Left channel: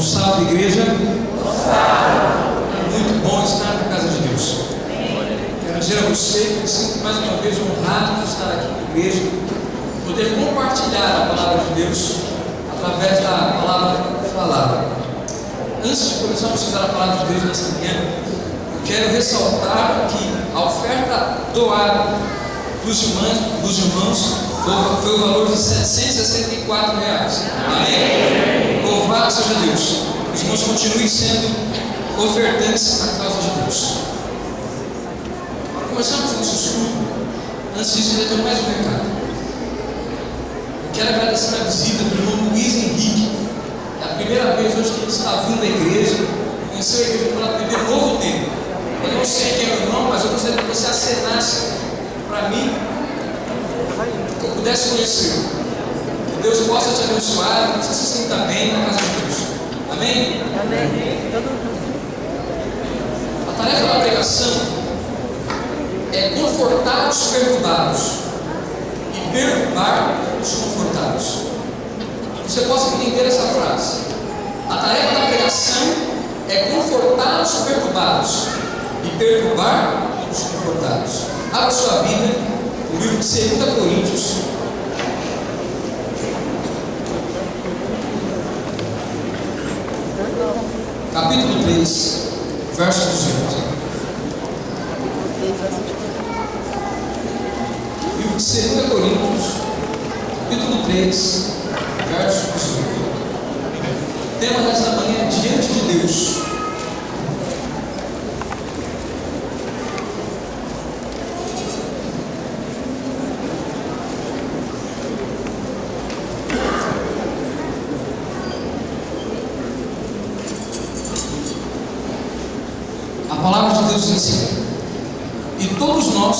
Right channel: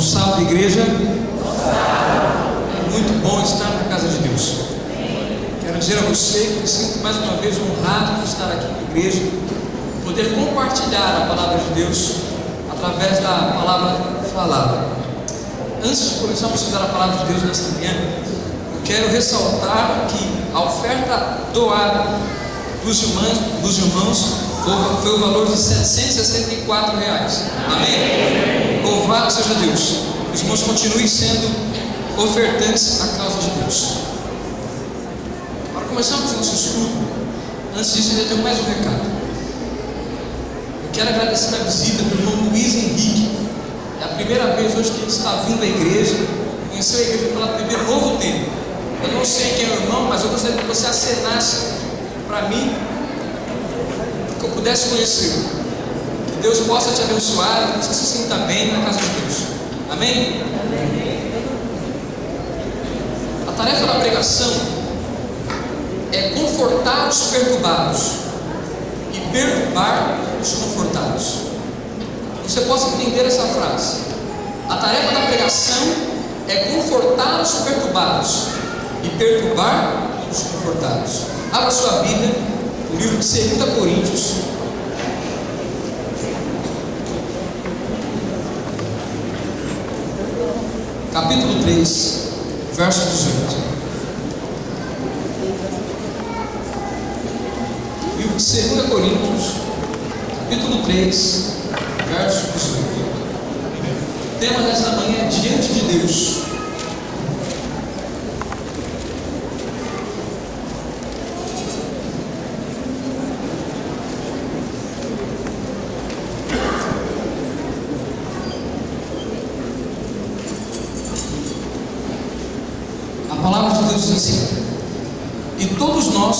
Um salve, igreja. É muito bom estar na casa de Deus. Quero dizer a você que me sinto mais uma vez honrado de estar aqui na igreja, poder compartilhar a palavra de Deus através da palavra falada. Antes de começarmos a estudar a palavra de Deus nesta manhã, eu quero ressaltar que a oferta doada dos irmãos foi o valor de R$764. Amém? Louvado seja Deus. Os irmãos continuem sendo ofertantes à causa de Deus. Para começarmos nosso estudo, antes disso, eu tenho mais um recado. Eu quero agradecer a visita do irmão Luiz Henrique. É a primeira vez hoje que ele está vindo à igreja, conheceu a igreja pela primeira novo tempo. Eu não sei quem é o irmão, mas eu gostaria que você acenasse para mim, que eu pudesse conhecê-lo. Que Deus possa te abençoar, que você se sinta bem na casa de Deus. Amém? Amém. A tarefa da pregação é confortar os perturbados e perturbar os confortados. Você possa entender essa frase. A tarefa da pregação é confortar os perturbados e perturbar os confortados. Abra sua Bíblia, o livro de 2 Coríntios, capítulo 3, verso 18. Livro de 2 Coríntios, capítulo 3, verso 18. O tema desta manhã é diante de Deus. A palavra de Deus diz assim: e todos nós,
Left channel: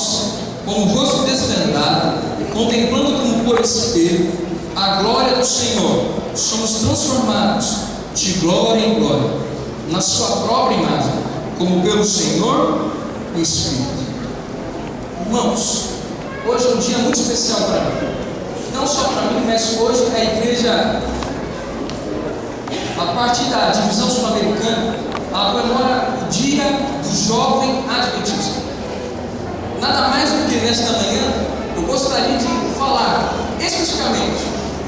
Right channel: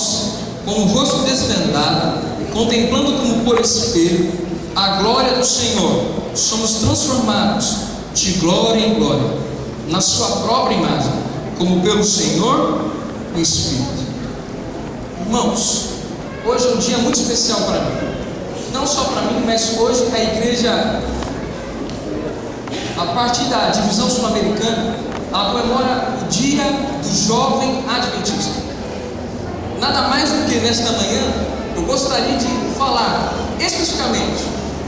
com o rosto desvendado, contemplando como por espelho a glória do Senhor, somos transformados de glória em glória, na sua própria imagem, como pelo Senhor o Espírito. Irmãos, hoje é um dia muito especial para mim. Não só para mim, mas hoje a igreja, a partir da divisão sul-americana, ela comemora o dia do jovem adventista. Nada mais do que nesta manhã eu gostaria de falar especificamente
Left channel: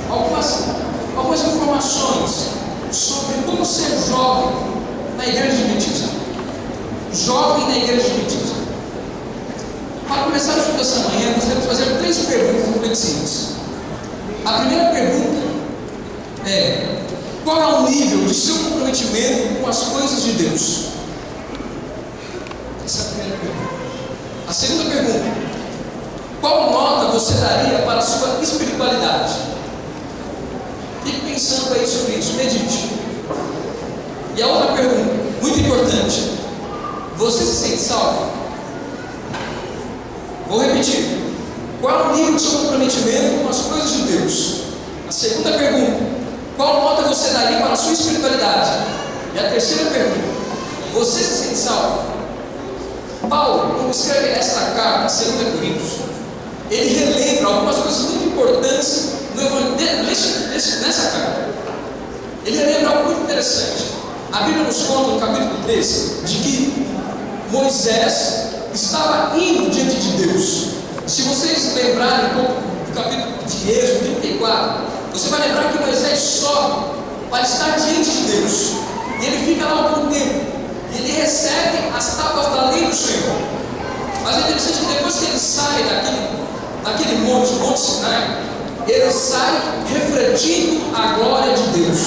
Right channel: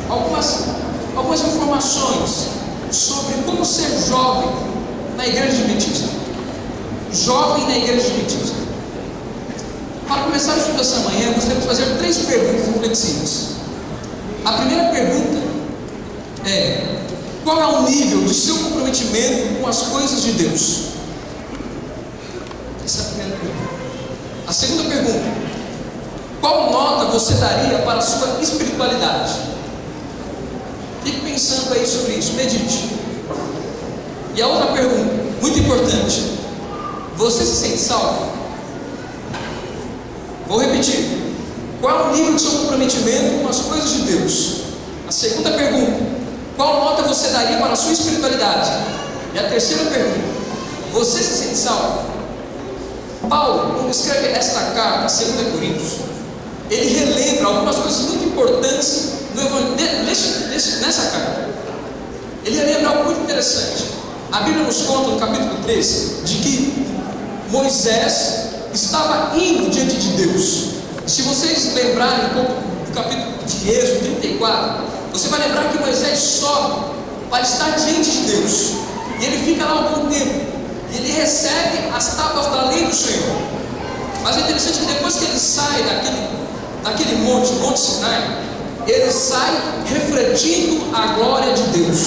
algumas informações sobre como ser jovem na igreja adventista. Jovem na igreja adventista. Para começar o estudo dessa manhã, eu gostaria de fazer 3 perguntas reflexivas. A primeira pergunta é: qual é o nível de seu comprometimento com as coisas de Deus? Essa é a primeira pergunta. A segunda pergunta: qual nota você daria para a sua espiritualidade? Fique pensando aí sobre isso, medite. E a outra pergunta, muito importante: você se sente salvo? Vou repetir: qual é o nível de seu comprometimento com as coisas de Deus? A segunda pergunta: qual nota você daria para a sua espiritualidade? E a terceira pergunta: você se sente salvo? Paulo, quando escreve esta carta, 2 Coríntios, ele relembra algumas coisas muito importantes nessa carta. Ele relembra algo muito interessante. A Bíblia nos conta no capítulo 13 de que Moisés estava indo diante de Deus. Se vocês lembrarem um pouco do capítulo de Êxodo 34, você vai lembrar que Moisés sobe para estar diante de Deus. E ele fica lá algum tempo. E ele recebe as tábuas da lei do Senhor. Mas é interessante que depois que ele sai daquele monte Sinai, ele sai refletindo a glória de Deus.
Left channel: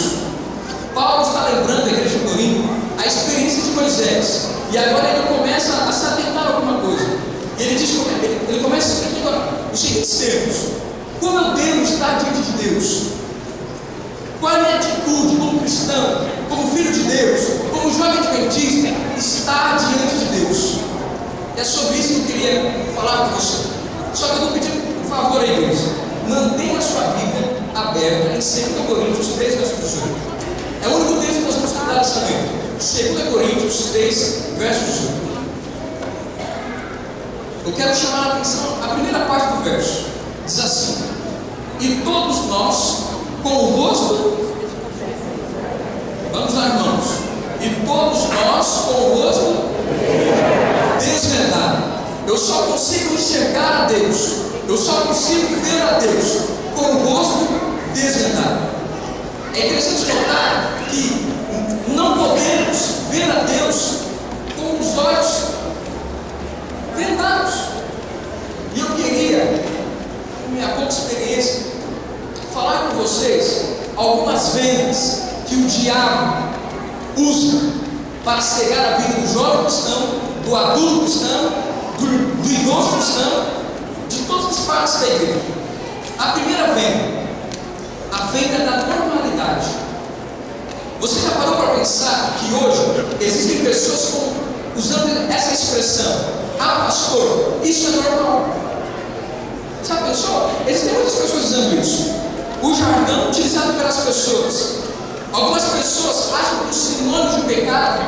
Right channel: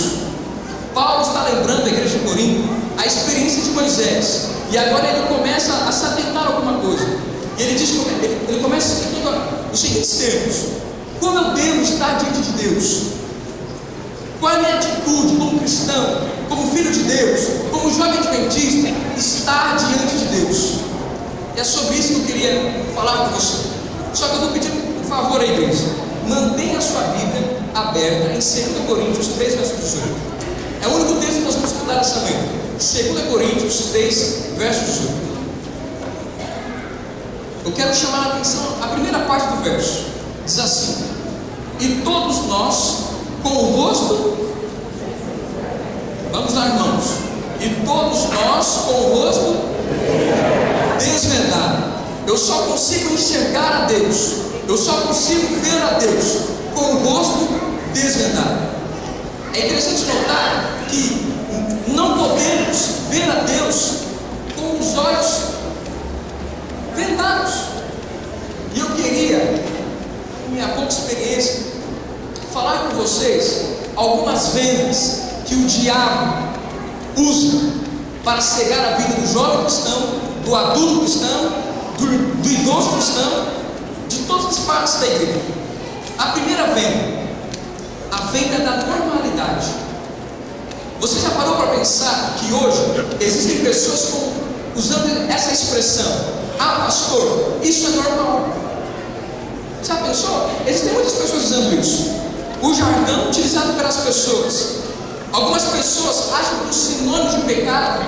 Paulo está lembrando a igreja de Corinto a experiência de Moisés. E agora ele começa a se atentar a alguma coisa. E ele começa explicando os seguintes termos: como eu devo estar diante de Deus? Qual é a minha atitude como cristão, como filho de Deus, como jovem adventista, estar diante de Deus? E é sobre isso que eu queria falar com você. Só que eu vou pedir um favor à igreja: mantenha a sua Bíblia aberta em 2 Coríntios 3, verso 18. É o único texto que nós vamos estudar essa manhã. 2 Coríntios 3, verso 18. Eu quero chamar a atenção a primeira parte do verso. Diz assim: e todos nós, com o rosto, vamos lá Deus, eu só consigo ver a Deus com o rosto desvendado. É interessante notar que não podemos ver a Deus com os olhos vendados. E eu queria, com minha pouca experiência, falar com vocês algumas vendas que o diabo usa para cegar a vida do jovem cristão, do adulto cristão, do idoso cristão, de todas as partes da igreja. A primeira venda, a venda da normalidade. Você já parou para pensar que hoje existem pessoas usando essa expressão: ah, pastor, isso é normal? Já pensou? Existem muitas pessoas usando isso. O jargão utilizado pelas pessoas. Algumas pessoas acham que o sinônimo de pecado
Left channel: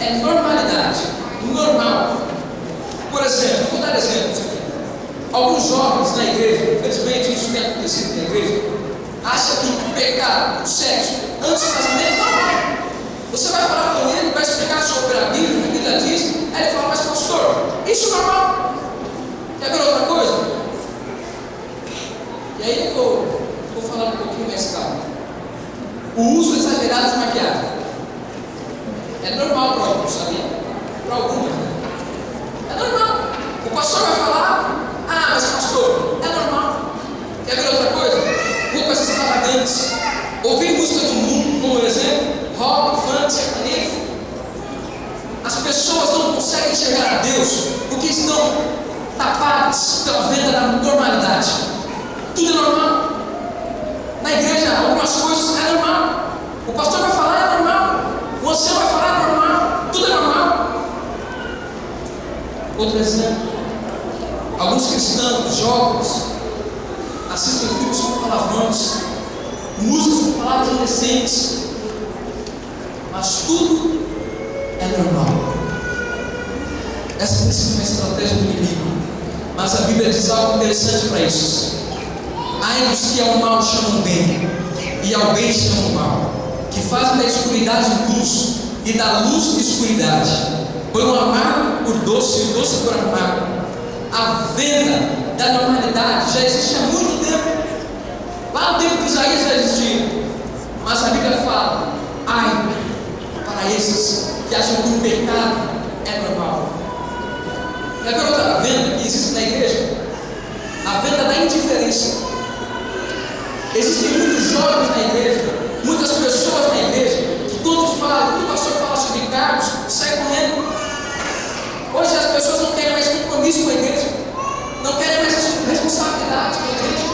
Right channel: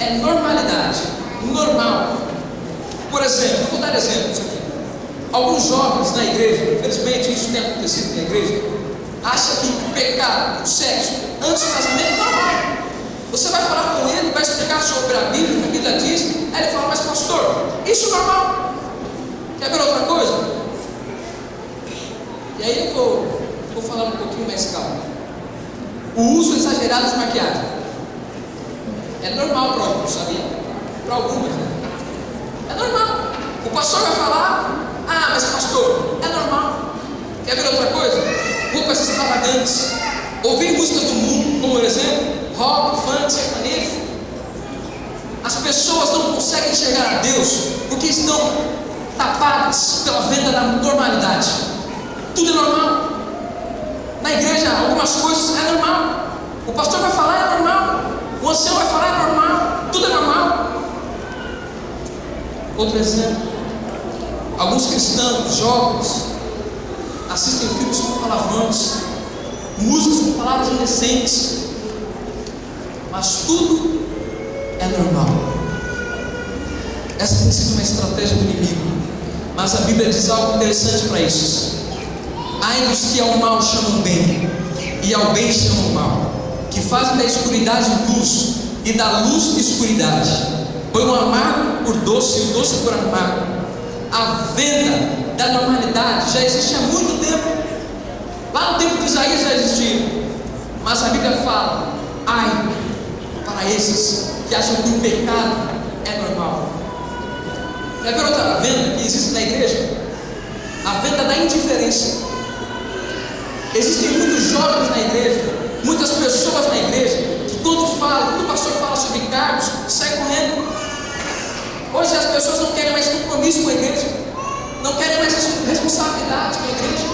é normalidade, normal. Por exemplo, eu vou dar exemplos aqui. Alguns jovens na igreja, infelizmente isso tem acontecido na igreja, acham que o pecado, o sexo, antes do casamento é normal. Você vai falar com ele, vai explicar sobre a Bíblia, o que a Bíblia diz, aí ele fala: mas pastor, isso é normal? Quer ver outra coisa? E aí eu vou falar um pouquinho mais calmo. O uso exagerado de maquiagem é normal para alguns, sabia? Para algumas, né? É normal. O pastor vai falar: ah, mas pastor, é normal. Quer ver outra coisa? Roupas extravagantes, ouvir músicas do mundo, como por exemplo, rock, funk, sertanejo. As pessoas não conseguem enxergar a Deus porque estão tapadas pela venda da normalidade. Tudo é normal. Na igreja, algumas coisas é normal. O pastor vai falar, é normal. O ancião vai falar, é normal. Tudo é normal. Outro exemplo: alguns cristãos, jovens, assistem filmes com palavrões, músicas com palavras indecentes, mas tudo é normal. Essa tem sido uma estratégia do inimigo, mas a Bíblia diz algo interessante para isso: ai dos que ao mal chamam bem, e ao bem chamam mal, que fazem da escuridade luz, e da luz escuridade, põe o amargo por doce e o doce por amargo. A venda da normalidade já existe há muito tempo. Lá no tempo de Isaías já existia, mas a Bíblia fala: ai para esses que acham que o pecado é normal. Quer ver outra venda que existe na igreja? A venda da indiferença. Existem muitos jovens na igreja, muitas pessoas na igreja, que quando o pastor fala sobre cargos, sai correndo. Hoje as pessoas não querem mais compromisso com a igreja, não querem mais responsabilidade com a igreja.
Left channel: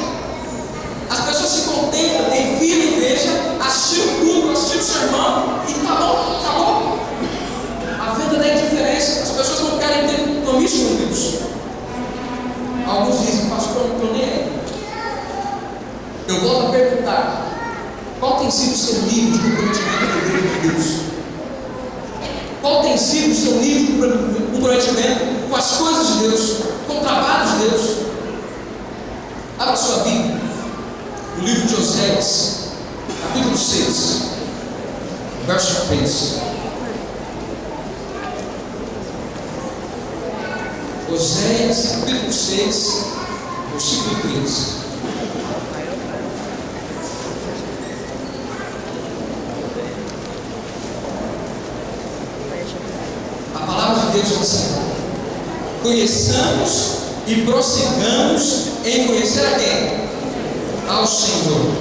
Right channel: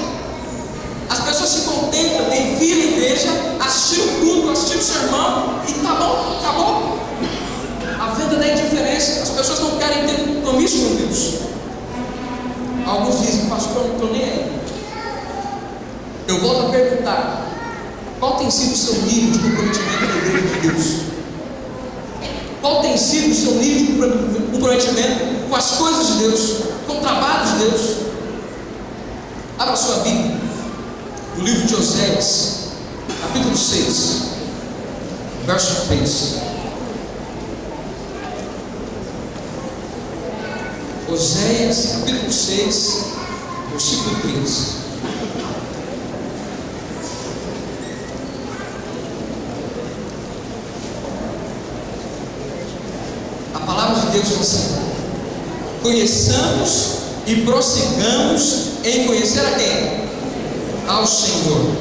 As pessoas se contentam em vir à igreja, assistir o culto, assistir o sermão e tá bom, acabou. A venda da indiferença. As pessoas não querem ter compromisso com Deus. Alguns dizem: pastor, eu não estou nem aí. Eu volto a perguntar: qual tem sido o seu nível de comprometimento com a igreja de Deus? Qual tem sido o seu nível de comprometimento com as coisas de Deus, com o trabalho de Deus? Abra sua Bíblia, no livro de Oséias, capítulo 6, verso 3. Oséias, capítulo 6, versículo 3. A palavra de Deus diz assim: conheçamos e prossigamos em conhecer a quem? Ao Senhor.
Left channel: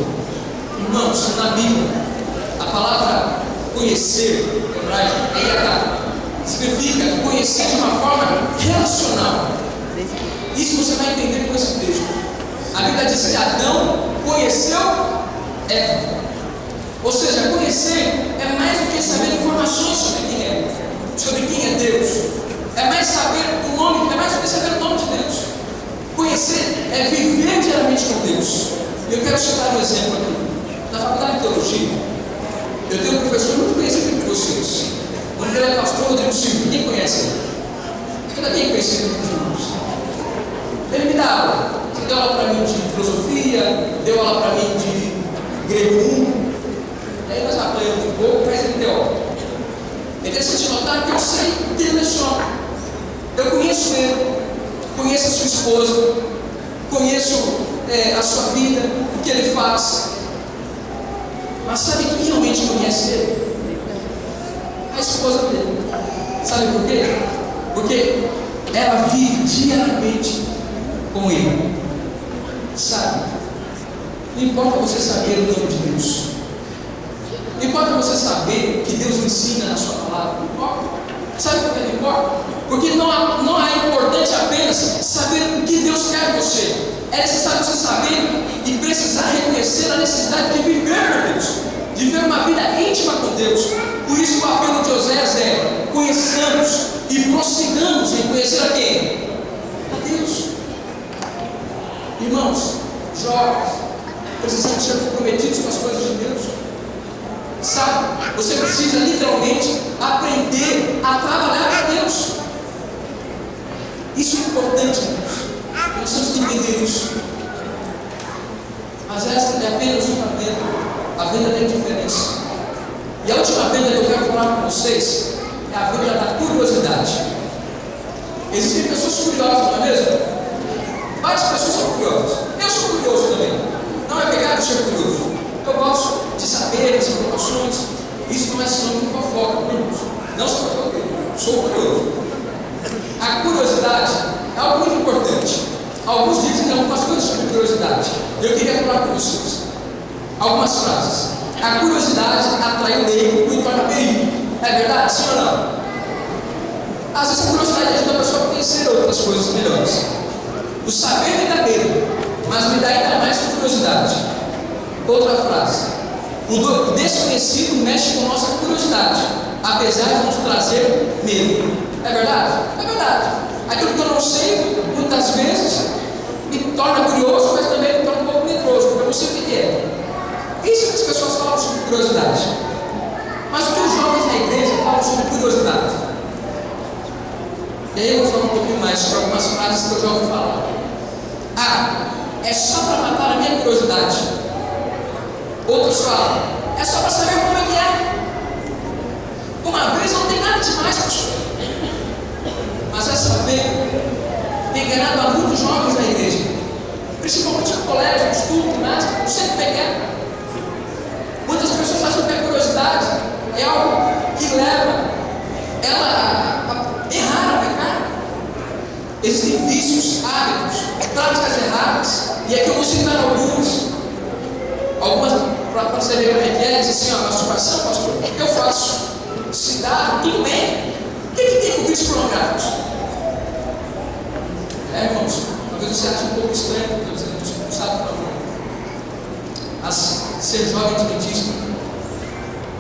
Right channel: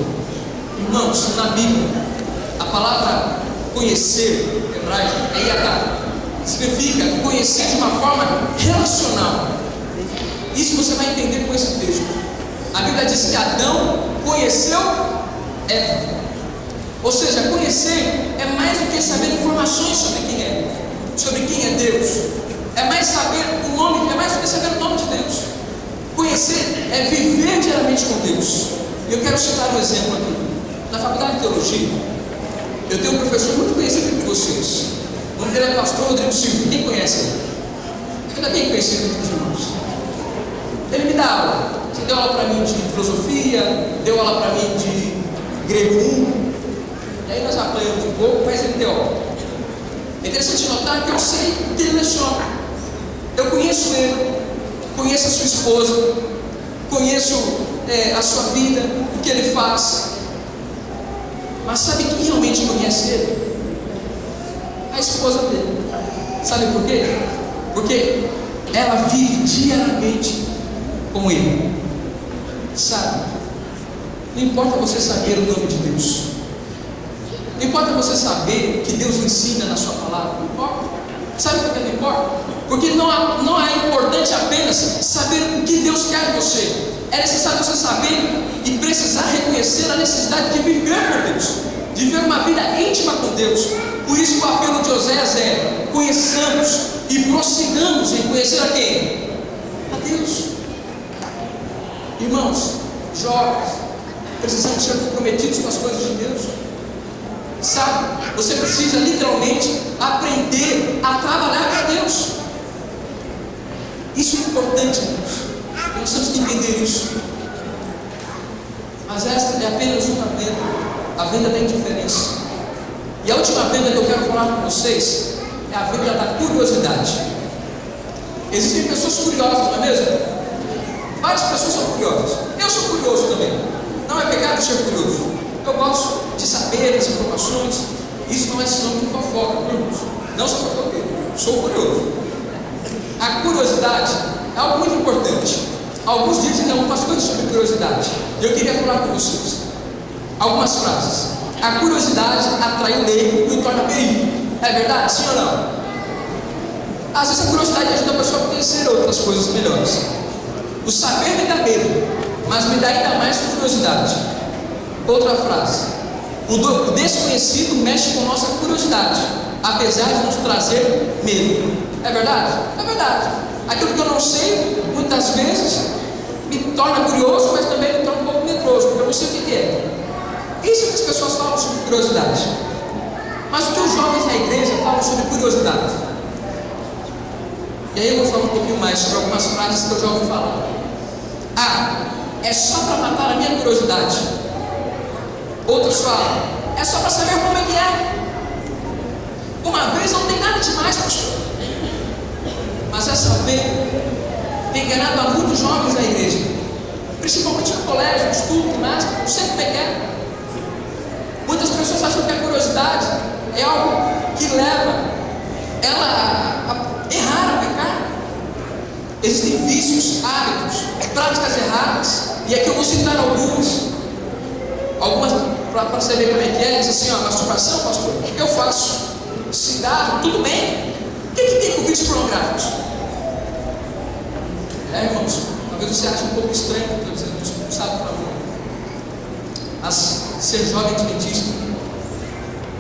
Irmãos, na Bíblia, a palavra conhecer, em hebraico, é yadá, significa conhecer de uma forma relacional. Isso você vai entender com esse texto. A Bíblia diz que Adão conheceu Eva. Ou seja, conhecer é mais do que saber informações sobre quem é Deus. É mais saber o nome, é mais do que saber o nome de Deus. Conhecer é viver diariamente com Deus. Eu quero citar um exemplo aqui. Na faculdade de teologia, eu tenho um professor muito conhecido entre vocês. O nome dele é pastor Rodrigo Silva. Quem conhece ele? Ele é bem conhecido entre os irmãos. Ele me dá aula. Ele deu aula para mim de filosofia, deu aula para mim de grego 1. E aí nós apanhamos um pouco, mas ele deu aula. É interessante notar que eu sei que ele leciona. Eu conheço ele. conheço a sua esposa, conheço a sua vida, o que ele faz. Mas sabe quem realmente conhece ele? A esposa dele. Sabe por quê? Porque ela vive diariamente com ele. Sabe? Não importa você saber o nome de Deus, não importa você saber o que Deus ensina na sua palavra, não importa. Sabe por que não importa? Porque não é importante apenas saber o que Deus quer de você. É necessário você saber e precisar reconhecer a necessidade de viver com Deus, de viver uma vida íntima com Deus. Por isso que o apelo de Oséias é: conheçamos e prossigamos em conhecer a quem? A Deus. Irmãos, jovens, precisamos ser comprometidos com as coisas de Deus. Sabe, você precisa literalmente aprender a trabalhar para Deus. Isso é importante, irmãos. Nós temos que entender isso. Mas esta é apenas uma venda, a venda da indiferença. E a última venda que eu quero falar com vocês é a venda da curiosidade. Existem pessoas curiosas, não é mesmo? Várias pessoas são curiosas. Eu sou curioso também. Não é pecado ser curioso. Eu gosto de saber as informações. Isso não é sinônimo de fofoca, irmãos. Não sou fofoqueiro, sou curioso. A curiosidade é algo muito importante. Alguns dizem algumas coisas sobre curiosidade. Eu queria falar com vocês algumas frases. A curiosidade atrai o leigo e o torna perigo. É verdade? Sim ou não? Às vezes a curiosidade ajuda a pessoa a conhecer outras coisas melhores. O saber me dá medo, mas me dá ainda mais curiosidade. Outra frase: o desconhecido mexe com nossa curiosidade, apesar de nos trazer medo. É verdade? É verdade. Aquilo que eu não sei, muitas vezes, me torna curioso, mas também me torna um pouco medroso, porque eu não sei o que é. Isso que as pessoas falam sobre curiosidade. Mas o que os jovens na igreja falam sobre curiosidade? E aí eu vou falar um pouquinho mais sobre algumas frases que eu já ouvi falar. É só para matar a minha curiosidade. Outros falam: é só para saber como é que é. Uma vez não tem nada demais, pastor. Mas essa tem enganado a muitos jovens da igreja, principalmente no colégio, no estudo, não sei como é que é. Muitas pessoas acham que a curiosidade é algo que leva ela a errar, a pecar. Existem vícios, hábitos, práticas erradas, e aqui eu vou citar algumas para você ver como é que é. Diz assim: masturbação, pastor, o que eu faço? Cigarro, tudo bem. O que tem com vícios pornográficos? Irmãos, talvez você ache um pouco estranho, porque você não sabe para onde. Mas ser jovem adventista,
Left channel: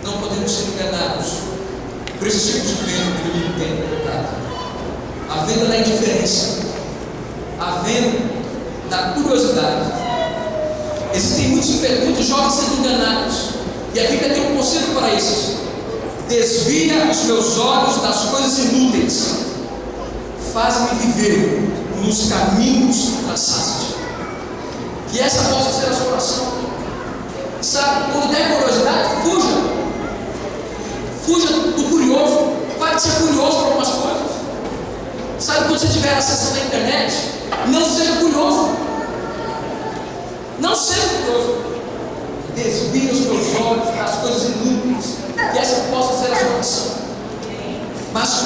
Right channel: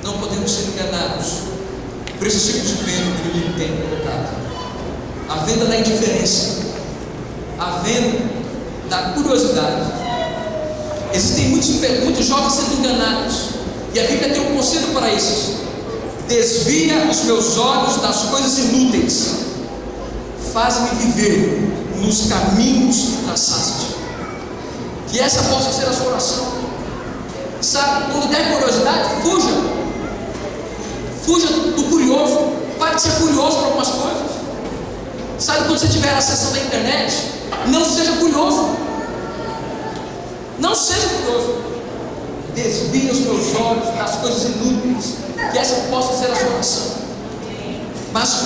não podemos ser enganados por esse tipo de venda que o inimigo tem colocado. A venda da indiferença, a venda da curiosidade. Existem muitos jovens sendo enganados, e a Bíblia tem um conselho para esses: desvia os meus olhos das coisas inúteis, faz-me viver nos caminhos que traçaste. Que essa possa ser a sua oração. Sabe, quando der curiosidade, fuja do curioso. Pare de ser curioso por algumas coisas. Sabe, quando você estiver acessando a internet, não seja curioso. Não seja curioso. Desvia os meus olhos das coisas inúteis. Que essa possa ser a sua oração. Mas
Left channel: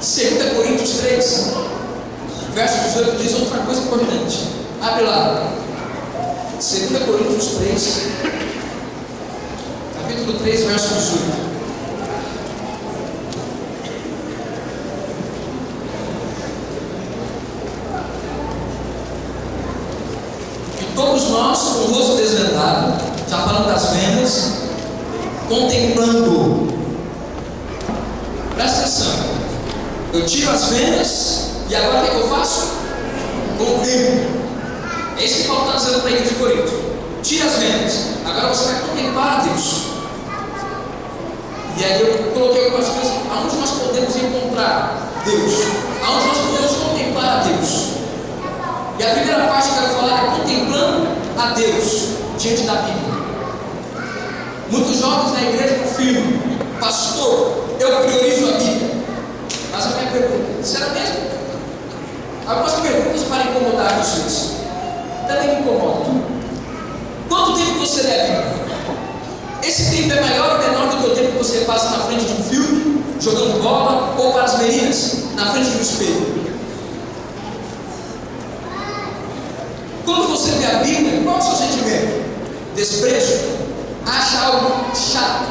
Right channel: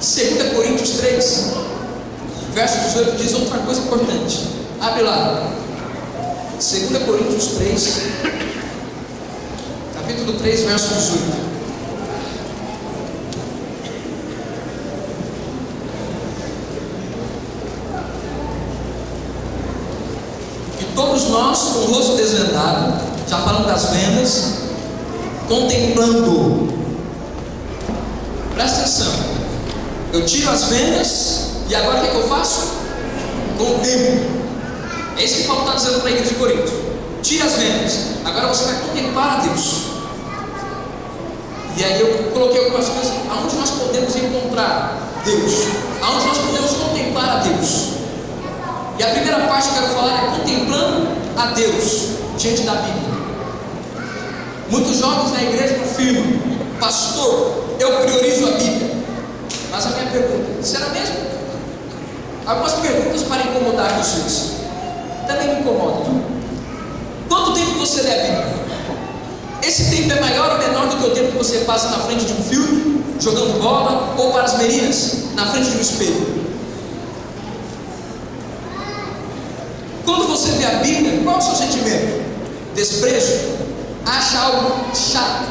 2 Coríntios 3, verso 18 diz outra coisa importante. Abre lá. 2 Coríntios 3, capítulo 3, verso 18. E todos nós, com o rosto desvendado, já falando das vendas, contemplando. Presta atenção. Eu tiro as vendas e agora o que eu faço? Contemplo. É isso que Paulo está dizendo para a igreja de Corinto. Tira as vendas, agora você vai contemplar a Deus. E aí eu coloquei algumas coisas: aonde nós podemos encontrar Deus, aonde nós podemos contemplar a Deus. E a primeira parte que eu quero falar é contemplando a Deus diante da Bíblia. Muitos jovens na igreja afirmam: pastor, eu priorizo a Bíblia. Mas a minha pergunta: será mesmo? algumas perguntas para incomodar vocês. Também me incomodam. Quanto tempo você lê a Bíblia? Esse tempo é maior ou menor do que o tempo que você passa na frente de um filme, jogando bola, ou para as meninas, na frente de um espelho? Quando você lê a Bíblia, qual é o seu sentimento? Desprezo? Acha algo chato,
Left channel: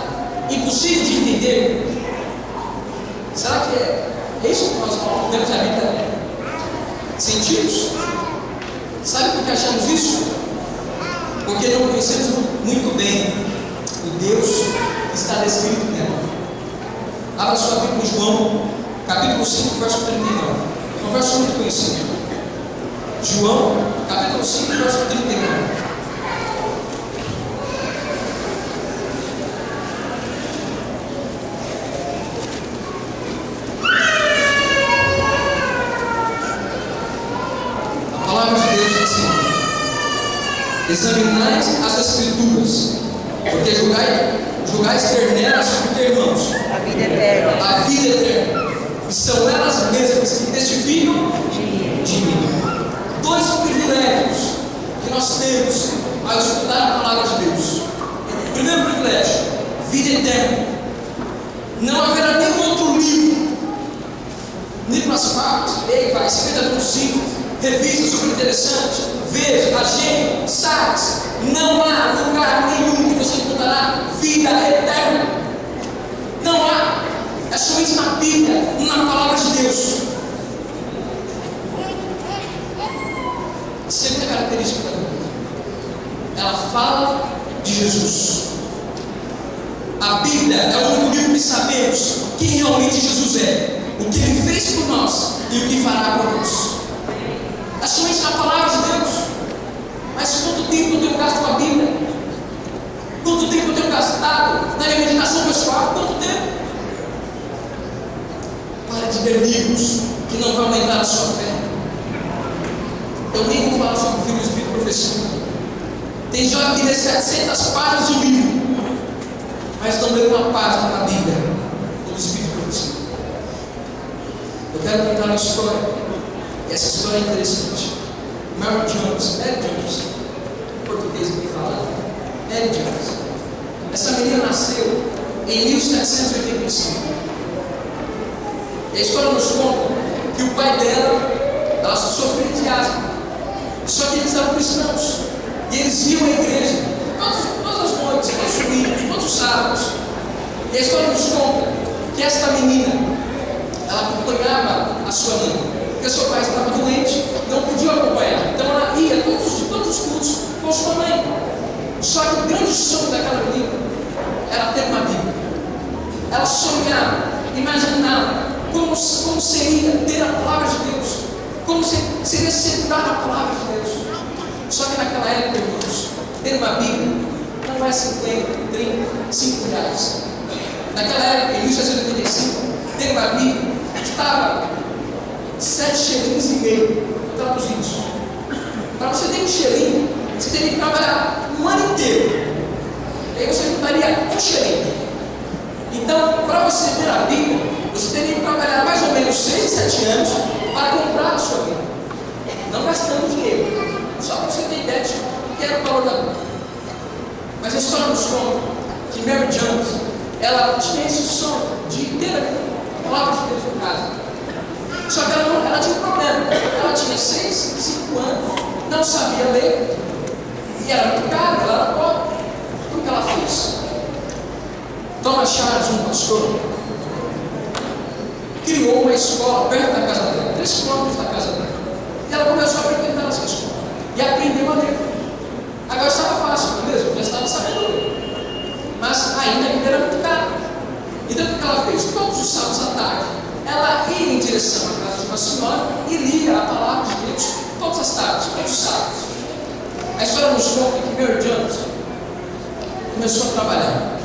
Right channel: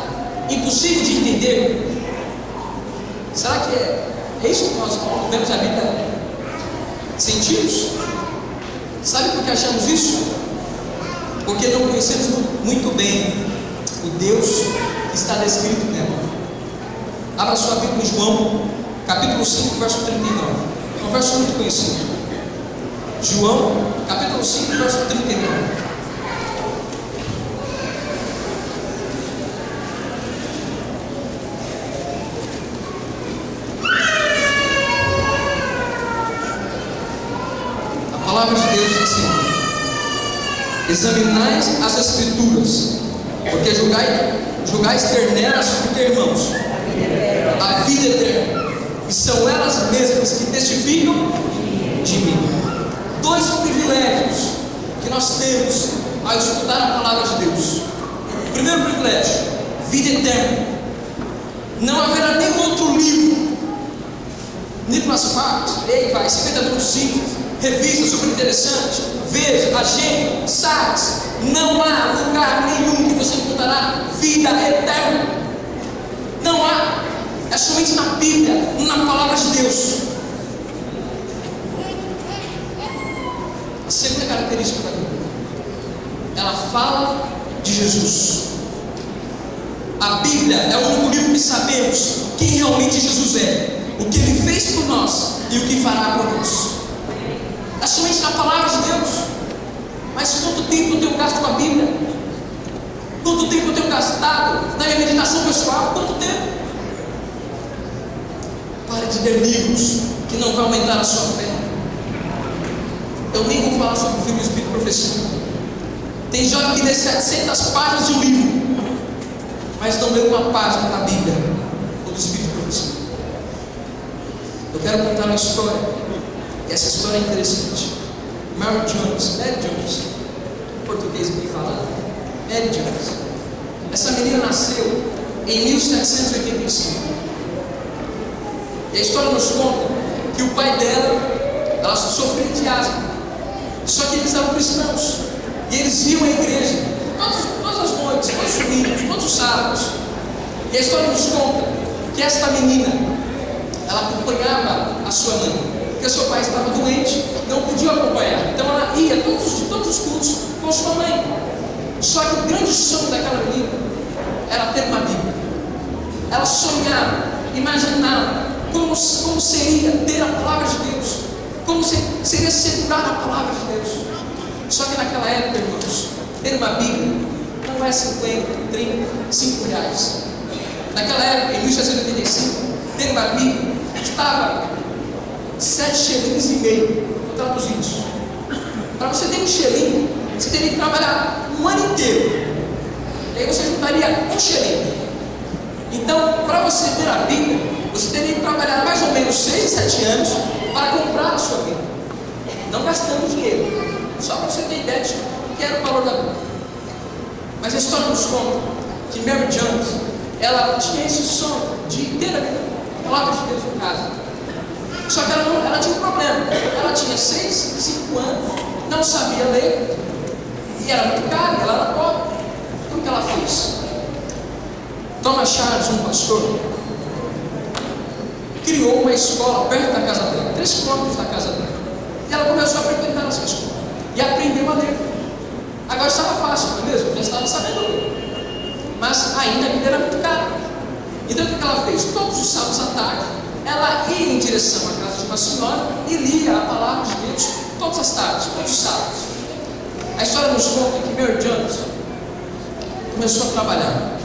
impossível de entender? Será que é isso que nós vemos a Bíblia? Sentimos? Sabe por que achamos isso? Porque não conhecemos muito bem o Deus que está descrito nela. Abra sua Bíblia em João, capítulo 5, verso 39. É um verso muito conhecido. João, capítulo 5, verso 39. A palavra de Deus diz assim: examinais as Escrituras, porque julgais ter nelas o que, irmãos? A vida eterna. A vida eterna. E são elas mesmas que testificam de mim. Dois privilégios que nós temos ao estudar a palavra de Deus. Primeiro privilégio, vida eterna. Não haverá nenhum outro livro, Nicolas Sparks, leia, vai, 50.5, revista super interessante, veja, agenda, sites. Não há lugar nenhum que você encontrará vida eterna. Não há. É somente na Bíblia, na palavra de Deus. A segunda característica da Bíblia, ela fala de Jesus. A Bíblia é o único livro que sabemos quem realmente Jesus é, o que Ele fez por nós e o que fará por nós. É somente na palavra de Deus. Mas quanto tempo eu tenho gasto com a Bíblia? Quanto tempo eu tenho gastado na minha meditação pessoal? Quanto tempo? Pare de ler livros que não vão aumentar a sua fé. Eu nem vou falar sobre o filho do Espírito e Profecia. Tem jovem que lê 700 páginas de um livro, mas não lê uma página na Bíblia do Espírito e Profecia. Eu quero contar uma história, e essa história é interessante. Mary Jones, em português bem falado, Mary Jones. Essa menina nasceu em 1785. E a história nos conta que o pai dela, ela sofreu de asma. Só que eles eram cristãos. E eles iam à igreja todas as noites, todos os domingos, todos os sábados. E a história nos conta que esta menina, ela acompanhava a sua mãe. Porque seu pai estava doente, não podia acompanhar. Então ela ia todos os cultos com sua mãe. Só que o grande sonho daquela menina era ter uma Bíblia. Ela sonhava, imaginava como seria ter a palavra de Deus, como seria segurar a palavra de Deus. Só que naquela época, irmãos, ter uma Bíblia não é 50, 30, 5 reais. Naquela época, em 1785, ter uma Bíblia custava 7,5 shillings traduzidos. Para você ter um shilling, você teria que trabalhar um ano inteiro. E aí você juntaria um shilling. Então, para você ter a Bíblia, você teria que trabalhar mais ou menos 6, 7 anos para comprar a sua Bíblia. Não gastando dinheiro. Só para você ter ideia de que era o valor da Bíblia. Mas a história nos conta que Mary Jones, ela tinha esse sonho de ter a palavra de Deus em casa. Só que ela tinha um problema. Ela tinha 6, 5 anos, não sabia ler, e era muito caro, ela era pobre. O que ela fez? Thomas Charles, um pastor, criou uma escola perto da casa dela, 3 quilômetros da casa dela. E ela começou a frequentar essa escola e aprendeu a ler. Agora estava fácil, não é mesmo? Já estava sabendo ler. Mas ainda a vida era muito cara. Então o que ela fez? Todos os sábados à tarde, ela ia em direção à casa de uma senhora e lia a palavra de Deus todas as tardes, todos os sábados. A história nos conta que Mary Jones começou a trabalhar.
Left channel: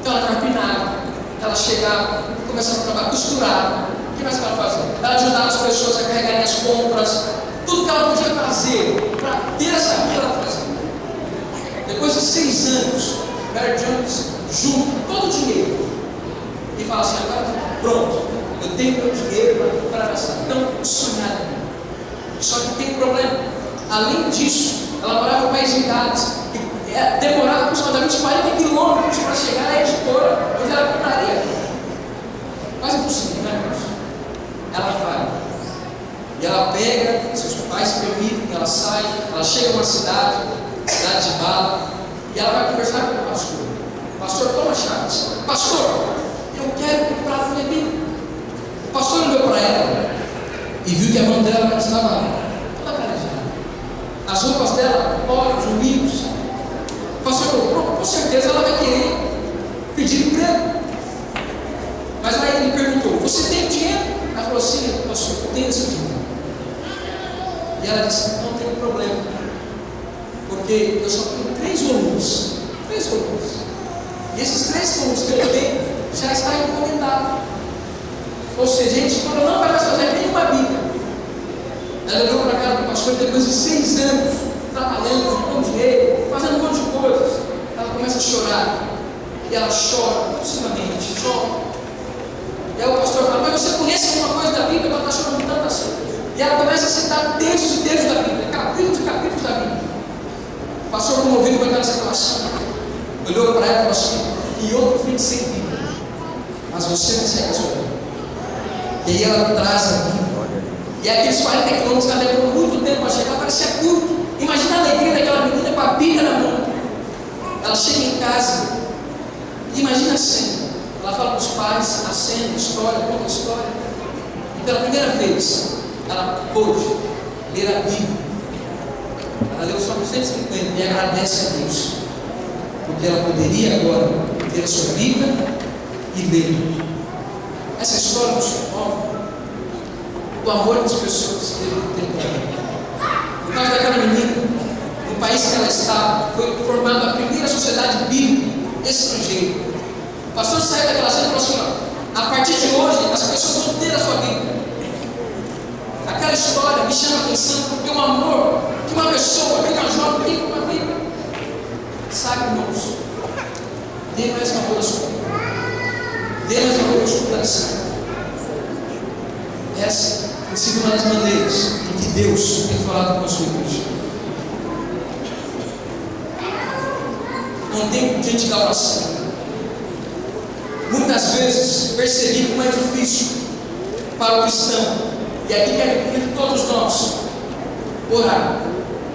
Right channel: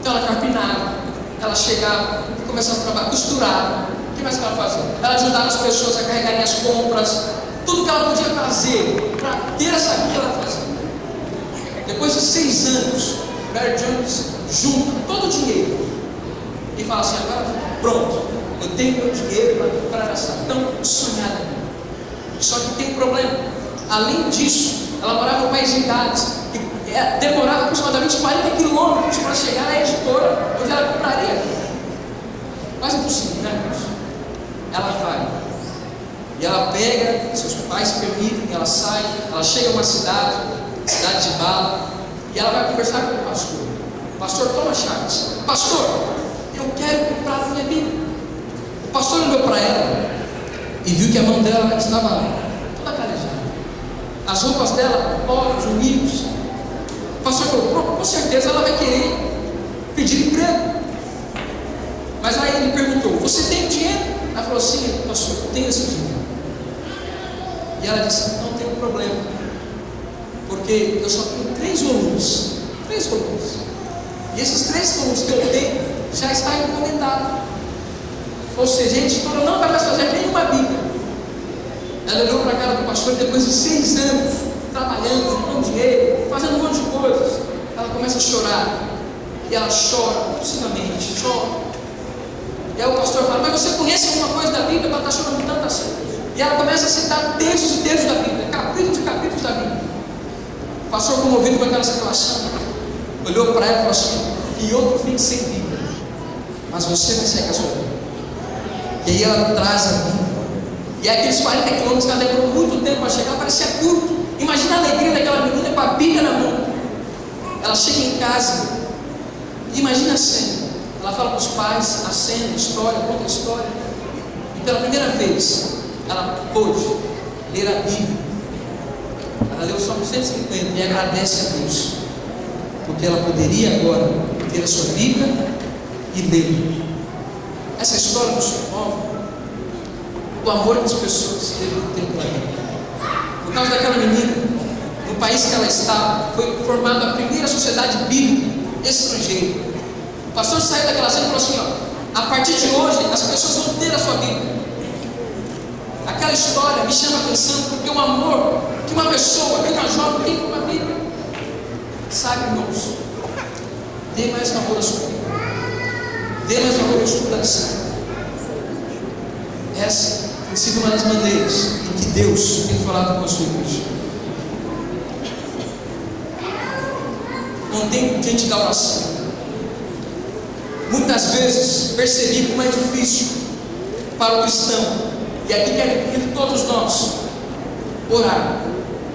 Então ela carpinava, ela chegava, começava a trabalhar, costurava. O que mais que ela fazia? Ela ajudava as pessoas a carregarem as compras. Tudo que ela podia fazer para ter essa vida, ela fazia. Depois de 6 anos, Mary Jones junta todo o dinheiro e fala assim: agora pronto, eu tenho meu dinheiro para comprar essa tão sonhada. Só que tem um problema. Além disso, ela morava no país de Gales. E demorava aproximadamente 40 quilômetros para chegar à editora onde ela compraria. Quase impossível, né, irmãos? Ela vai. E ela pega, seus pais permitem que ela saia. Ela chega a uma cidade de Bala. E ela vai conversar com o pastor. Pastor Thomas Chaves. Pastor, eu quero comprar a minha Bíblia. O pastor olhou para ela e viu que a mão dela estava toda calejada. As roupas dela, pobres, humildes. O pastor falou, com certeza ela vai querer pedir emprego. Mas aí ele perguntou, você tem dinheiro? Ela falou, sim, pastor, eu tenho esse dinheiro. E ela disse, não tem problema, porque eu só tenho 3 volumes. 3 volumes. E esses 3 volumes que eu tenho já está encomendado. Ou seja, a editora não vai mais fazer nenhuma Bíblia. Ela olhou para a cara do pastor, depois de 6 anos trabalhando, juntando dinheiro, fazendo um monte de coisas, ela começa a chorar. E ela chora compulsivamente, chora. E aí o pastor fala, mas você conhece alguma coisa da Bíblia? Ela está chorando tanto assim. E ela começa a citar textos e textos da Bíblia, capítulos e capítulos da Bíblia. O pastor, comovido com aquela situação, olhou para ela e falou assim, e outro fim sem Bíblia, mas você vai segue a sua Bíblia. E aí ela traz a Bíblia. E aqueles 40 quilômetros que ela demorou muito tempo para chegar, parecia curto. Imagina a alegria daquela menina com a Bíblia na mão. Ela chega em casa, imagina a cena. Ela fala para os pais a cena, a história, conta a história. E pela primeira vez, ela pôde ler a Bíblia. Ela leu só 150 e agradece a Deus, porque ela poderia agora ter a sua Bíblia e ler. Essa história nos promove do amor que as pessoas devem ter por ela. Por causa daquela menina, no país que ela estava, foi formada a primeira sociedade bíblica estrangeira. O pastor saiu daquela cena e falou assim, ó, a partir de hoje as pessoas vão ter a sua Bíblia. Aquela história me chama a atenção porque o amor que uma pessoa, que uma jovem tem com uma Bíblia. Sabe, irmãos, dê mais amor à sua Bíblia. Dê mais amor ao estudo da lição. Essa tem sido uma das maneiras em que Deus tem falado com a sua igreja. Não tem diante da oração. Muitas vezes percebi como é difícil para o cristão, e aqui quero pedir todos nós orar.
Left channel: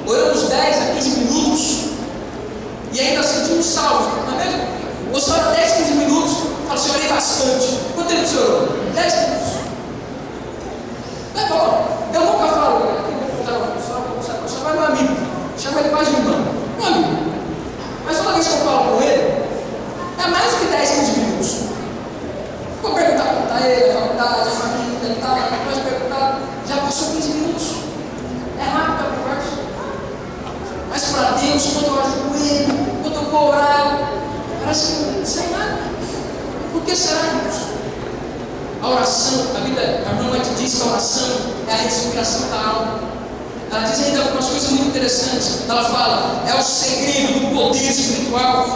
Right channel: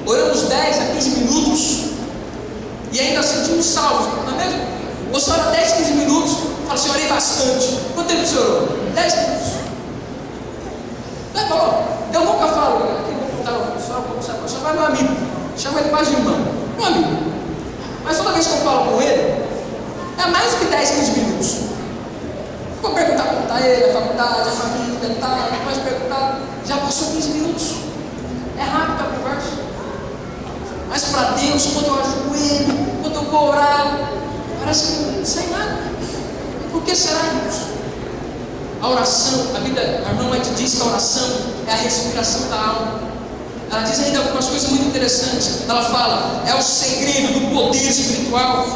Oramos 10 a 15 minutos e ainda sentimos salvos, não é mesmo? Você ora 10, 15 minutos, fala assim, orei bastante. Quanto tempo você orou? 10 minutos. Não é bom. Eu nunca falo, só vai meu amigo, chama ele mais de irmão, meu amigo. Mas toda vez que eu falo com ele, é mais do que 10, 15 minutos. Vou perguntar como está ele, a faculdade, a família, tal, depois perguntar, já passou 15 minutos. É rápido a conversa. Mas para Deus, quando eu ajoelho, quando eu vou orar, parece que não sai nada. Por que será, irmãos? A oração, a irmã White diz que a oração é a respiração da alma. Ela diz ainda algumas coisas muito interessantes. Ela fala, é o segredo do poder espiritual.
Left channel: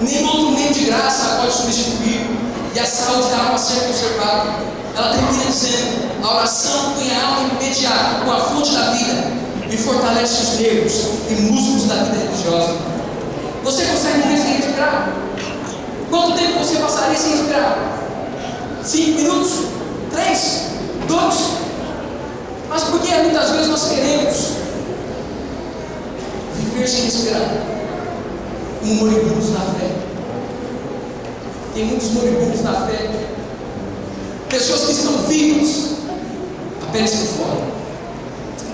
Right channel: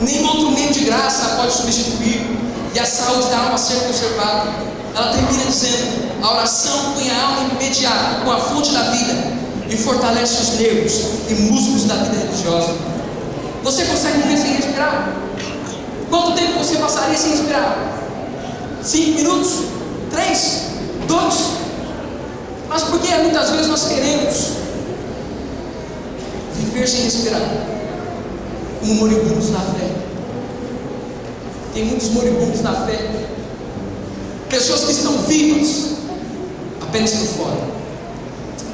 Nenhum outro meio de graça pode substituir. E a saúde da alma ser conservada. Ela termina dizendo, a oração põe a alma imediata com a fonte da vida e fortalece os nervos e músculos da vida religiosa. Você consegue viver sem respirar? Quanto tempo você passaria sem respirar? 5 minutos? 3? 2? Mas por que muitas vezes nós queremos viver sem respirar? Como moribundos na fé. Tem muitos moribundos na fé. Pessoas que estão vivas apenas por fora,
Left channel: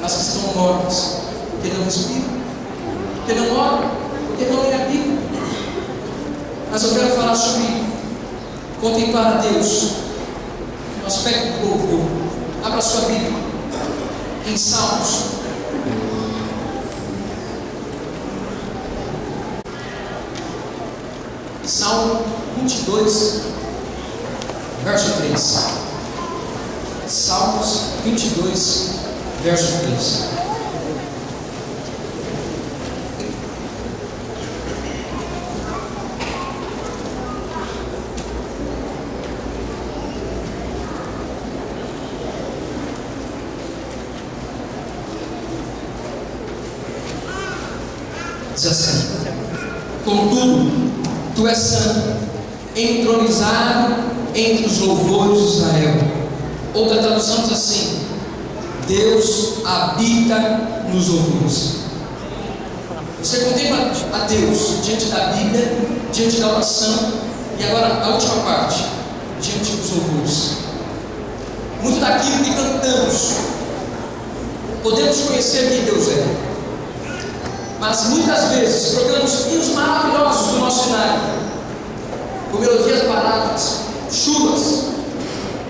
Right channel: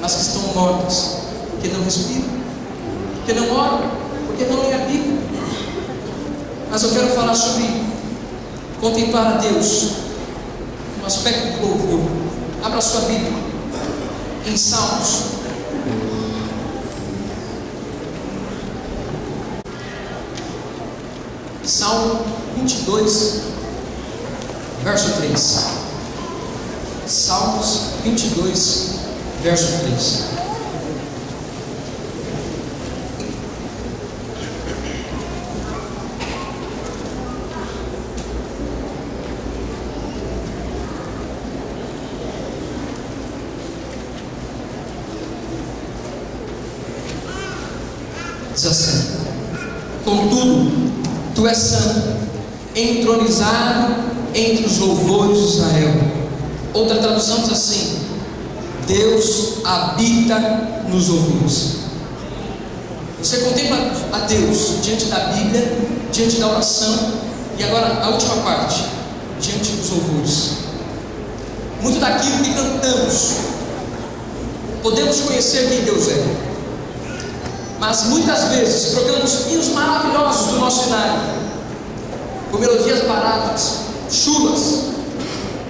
mas que estão mortas porque não respiram, porque não oram, porque não leem a Bíblia. Mas eu quero falar sobre contemplar a Deus no aspecto do louvor. Abra sua Bíblia em Salmos. Salmo 22, verso 3. Salmos 22, verso 3. Diz assim: contudo, tu és santo, entronizado entre os louvores de Israel. Outra tradução diz assim: Deus habita nos louvores. Você contempla a Deus diante da Bíblia, diante da oração, e agora a última parte, diante dos louvores. Muito daquilo que cantamos, podemos conhecer quem Deus é, mas muitas vezes trocamos hinos maravilhosos do nosso cenário, com melodias baratas, chulas,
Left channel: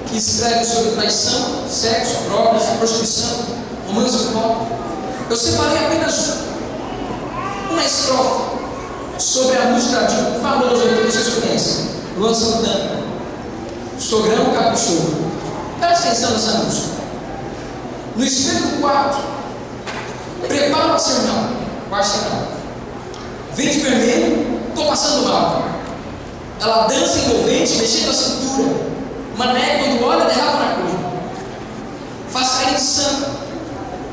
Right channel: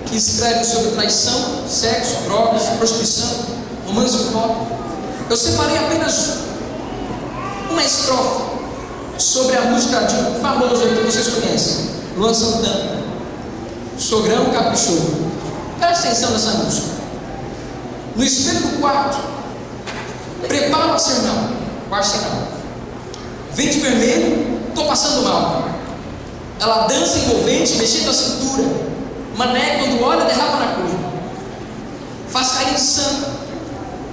que escrevem sobre traição, sexo, drogas, prostituição, romance e pop. Eu separei apenas uma estrofe sobre a música de um famoso que vocês conhecem, Luan Santana, Sogrão Caprichoso. Presta atenção nessa música. No espelho do quarto, prepara o arsenal. Verde vermelho, estou passando mal. Ela dança envolvente, mexendo a cintura. Mané, quando olha, derrapa na curva. Faz cair de santo.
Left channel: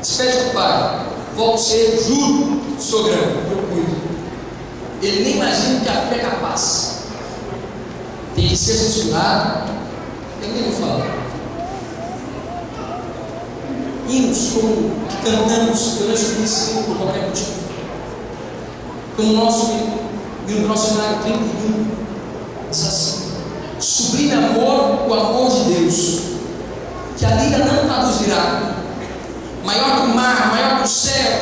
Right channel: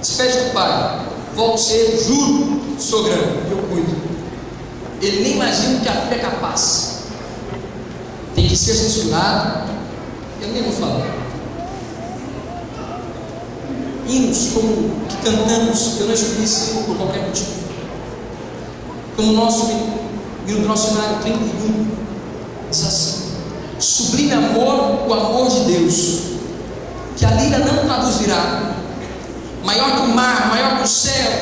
Despede do pai. Volto cedo, juro, sogrão, eu cuido. Ele nem imagina que a filha é capaz. Tem que ser censurado. Eu nem vou falar. Hinos como que cantamos, eu não escolhi sim por qualquer motivo. Como o nosso hino do nosso cenário 31 diz assim: sublime amor, o amor de Deus, que a lira não traduzirá, maior que o mar, maior que o céu,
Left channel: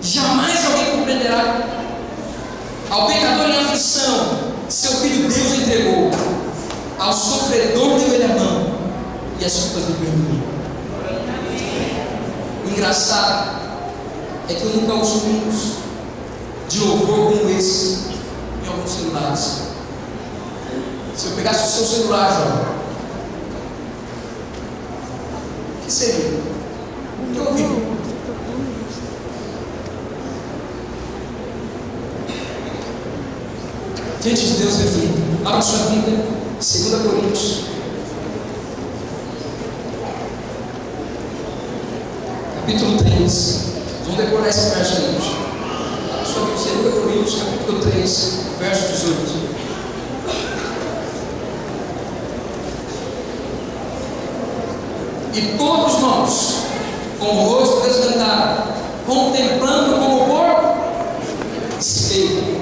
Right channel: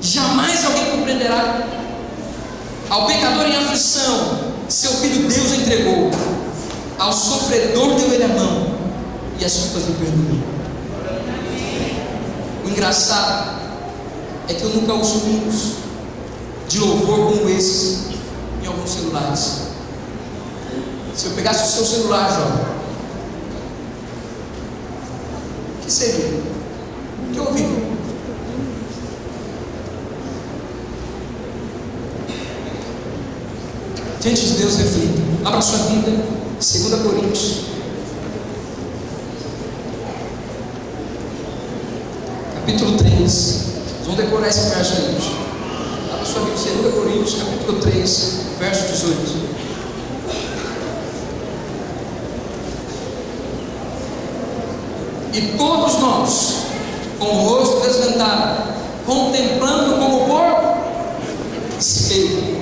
jamais alguém compreenderá. Ao pecador em aflição, seu filho Deus entregou, ao sofredor deu ele a mão, e as culpas lhe perdoou. O engraçado é que eu nunca ouço hinos de louvor como esse em alguns celulares. Se eu pegasse o seu celular, João, o que seria? O que eu ouvi? Diante de Deus, reflita. Abra sua Bíblia, 2 Coríntios, capítulo 3. Vamos decorar esse verso aí, gente. Abra sua Bíblia, 2 Coríntios, capítulo 3, verso 18. E todos nós, com o rosto desvendado, contemplando como por espelho.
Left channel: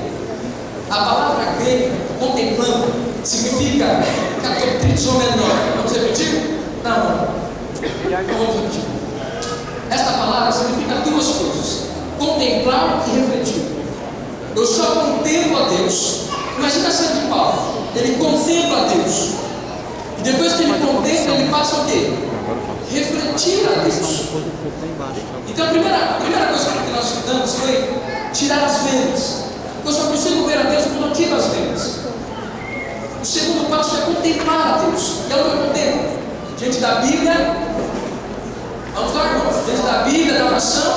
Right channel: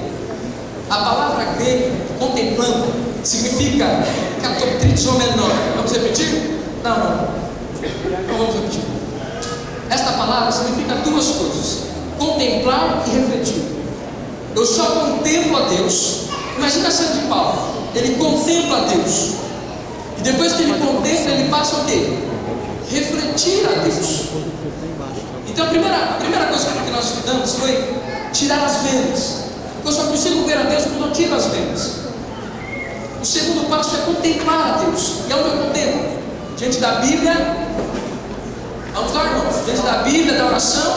A palavra grega, contemplando, significa catoptrizo menor. Vamos repetir? Não vamos repetir. Esta palavra significa duas coisas: contemplar e refletir. Eu só contemplo a Deus. Imagina Santo de Paulo, ele contempla a Deus, e depois que ele contempla, ele passa o quê? Refletir a Deus. Então a primeira coisa que nós estudamos foi tirar as vendas. Eu só consigo ver a Deus quando eu tiro as vendas. O segundo passo é contemplar a Deus. E é o que eu contemplo? Diante da Bíblia. Vamos lá, irmãos. Diante da Bíblia, da oração,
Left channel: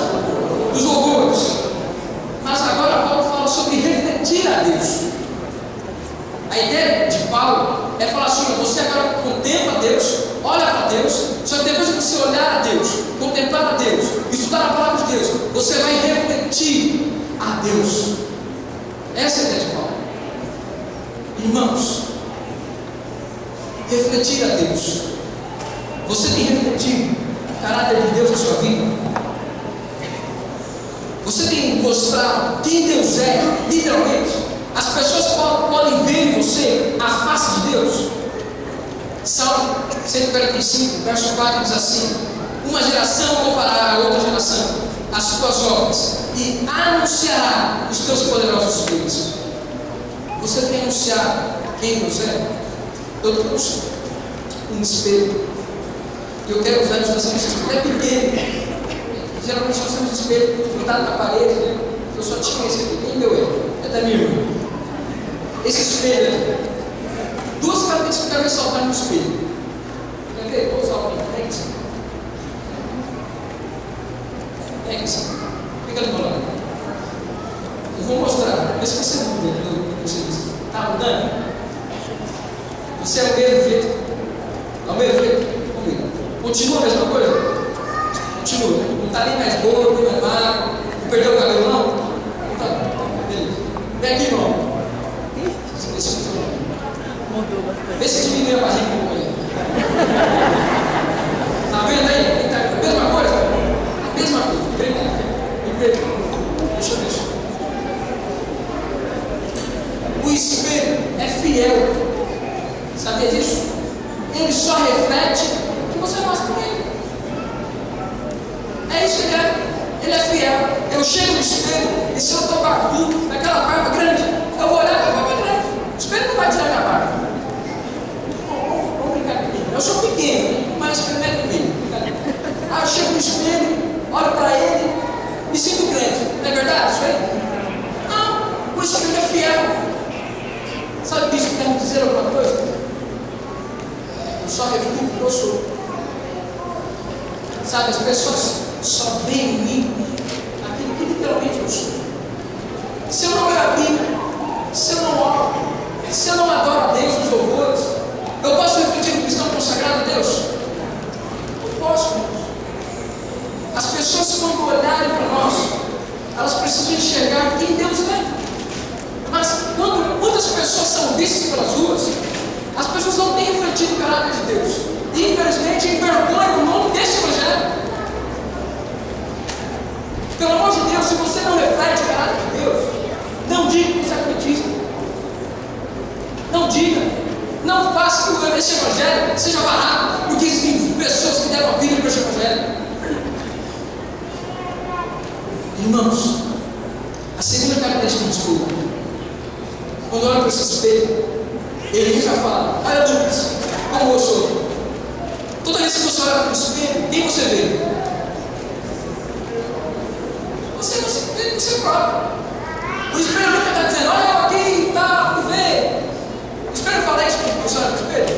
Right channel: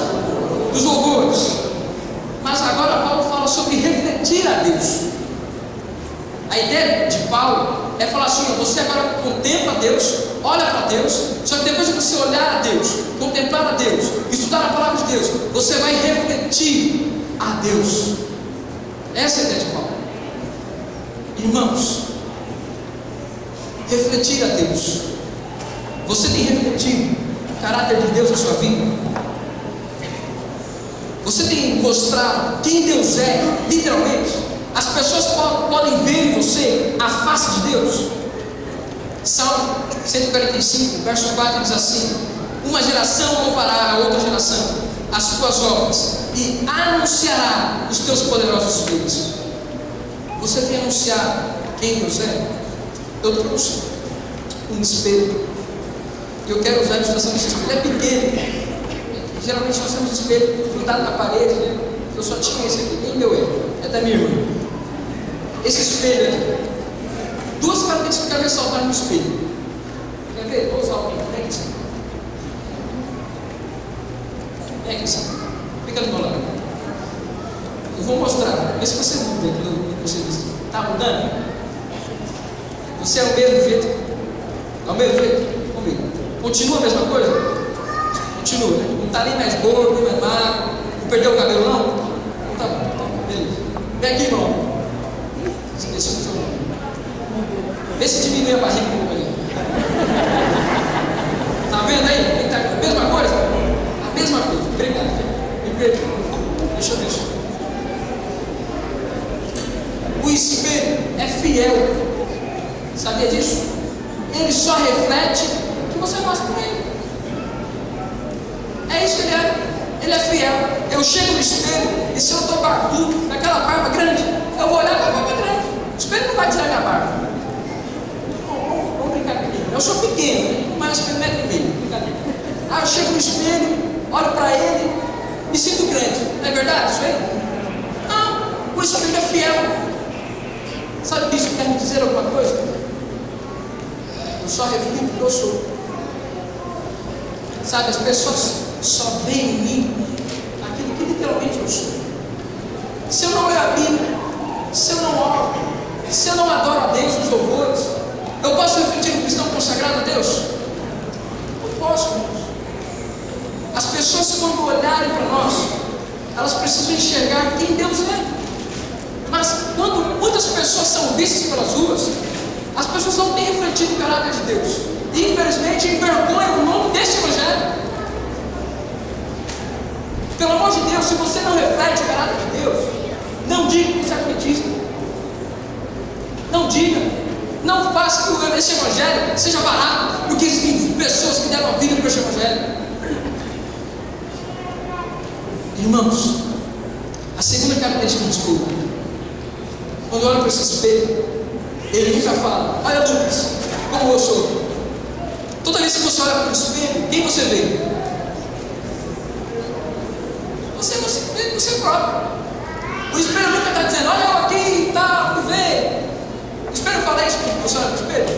dos louvores. Mas agora Paulo fala sobre refletir a Deus. A ideia de Paulo é falar assim: você agora contempla a Deus, olha para Deus, só que depois que você olhar a Deus, contemplar a Deus, estudar a palavra de Deus, você vai refletir a Deus. Essa é a ideia de Paulo. Irmãos, refletir a Deus. Você tem refletido o caráter de Deus na sua vida? Você tem mostrado quem Deus é, literalmente? As pessoas podem ver em você a face de Deus? Salmo 145, verso 4 diz assim: uma geração louvará a outra geração as tuas obras e anunciará os teus poderosos feitos. Você tem anunciado quem Deus é? Eu trouxe um espelho e eu quero usar a ilustração desse espelho. É pequeno. Geralmente nós temos espelho grudado na parede, né? Eu só tinha esse aqui. Quem deu ele? É da minha irmã. Esse espelho aqui, duas características que eu quero ressaltar no espelho. Quer ver? Vou usar o pinto. Vem aqui. Vem aqui, sabe? Fica do meu lado. Eu vou mostrar. Vê se você muda aquilo que você disse. Está mudando? Você é o mesmo jeito? É o mesmo jeito? Vamos ver. Continua a mesma coisa? Continua, né? Não está nem mais gordo, nem mais magro. Não perdeu o cabelo, não? Então tá bom. Vê se diminui a barriga um pouco aí. Tá vendo aí? Tá a mesma coisa? A mesma coisa. Obrigado. Me perdoa. Deixa eu ver isso. O espelho é fiel. Sabia disso? Ele só reflete o que você mostra para ele. É isso que ele é. Ele é fiel. Eu chego no espelho e se eu estou barbudo, naquela barba grande, eu vou olhar para a barba grande. O espelho não vai tirar minha barba. Vamos brincar comigo. Eu sou pequeno, mas 1,5 m. Aí eu chego no espelho, olho para ele, me sinto grande. Não é verdade isso aí? Não, o espelho é fiel. Sabe que isso quer me dizer alguma coisa? Eu só reflito o que eu sou. Sabe, as pessoas só veem em mim aquilo que literalmente eu sou. Se eu não leio a Bíblia, se eu não oro, se eu não adoro a Deus nos louvores, eu posso refletir um cristão consagrado a Deus? Eu posso, irmãos. As pessoas, quando olharem para nós, elas precisam enxergar quem Deus é. Mas quando muitas pessoas são vistas pelas ruas, as pessoas não têm refletido o caráter de Deus. E infelizmente envergonham o nome deste evangelho. Pelo amor de Deus, se você não reflete o caráter de Deus, não diga que você é adventista. Não diga. Não faça que esse evangelho seja barato, porque existem pessoas que deram a vida para esse evangelho. Irmãos, a segunda característica do espelho. Quando olha para esse espelho, ele nunca fala: olha, Lucas, como eu sou. Toda vez que você olha para o espelho, quem você vê? Você vê você próprio. O espelho nunca está dizendo: olha eu aqui, tá, tu vê. O espelho fala isso quando você olha para o espelho?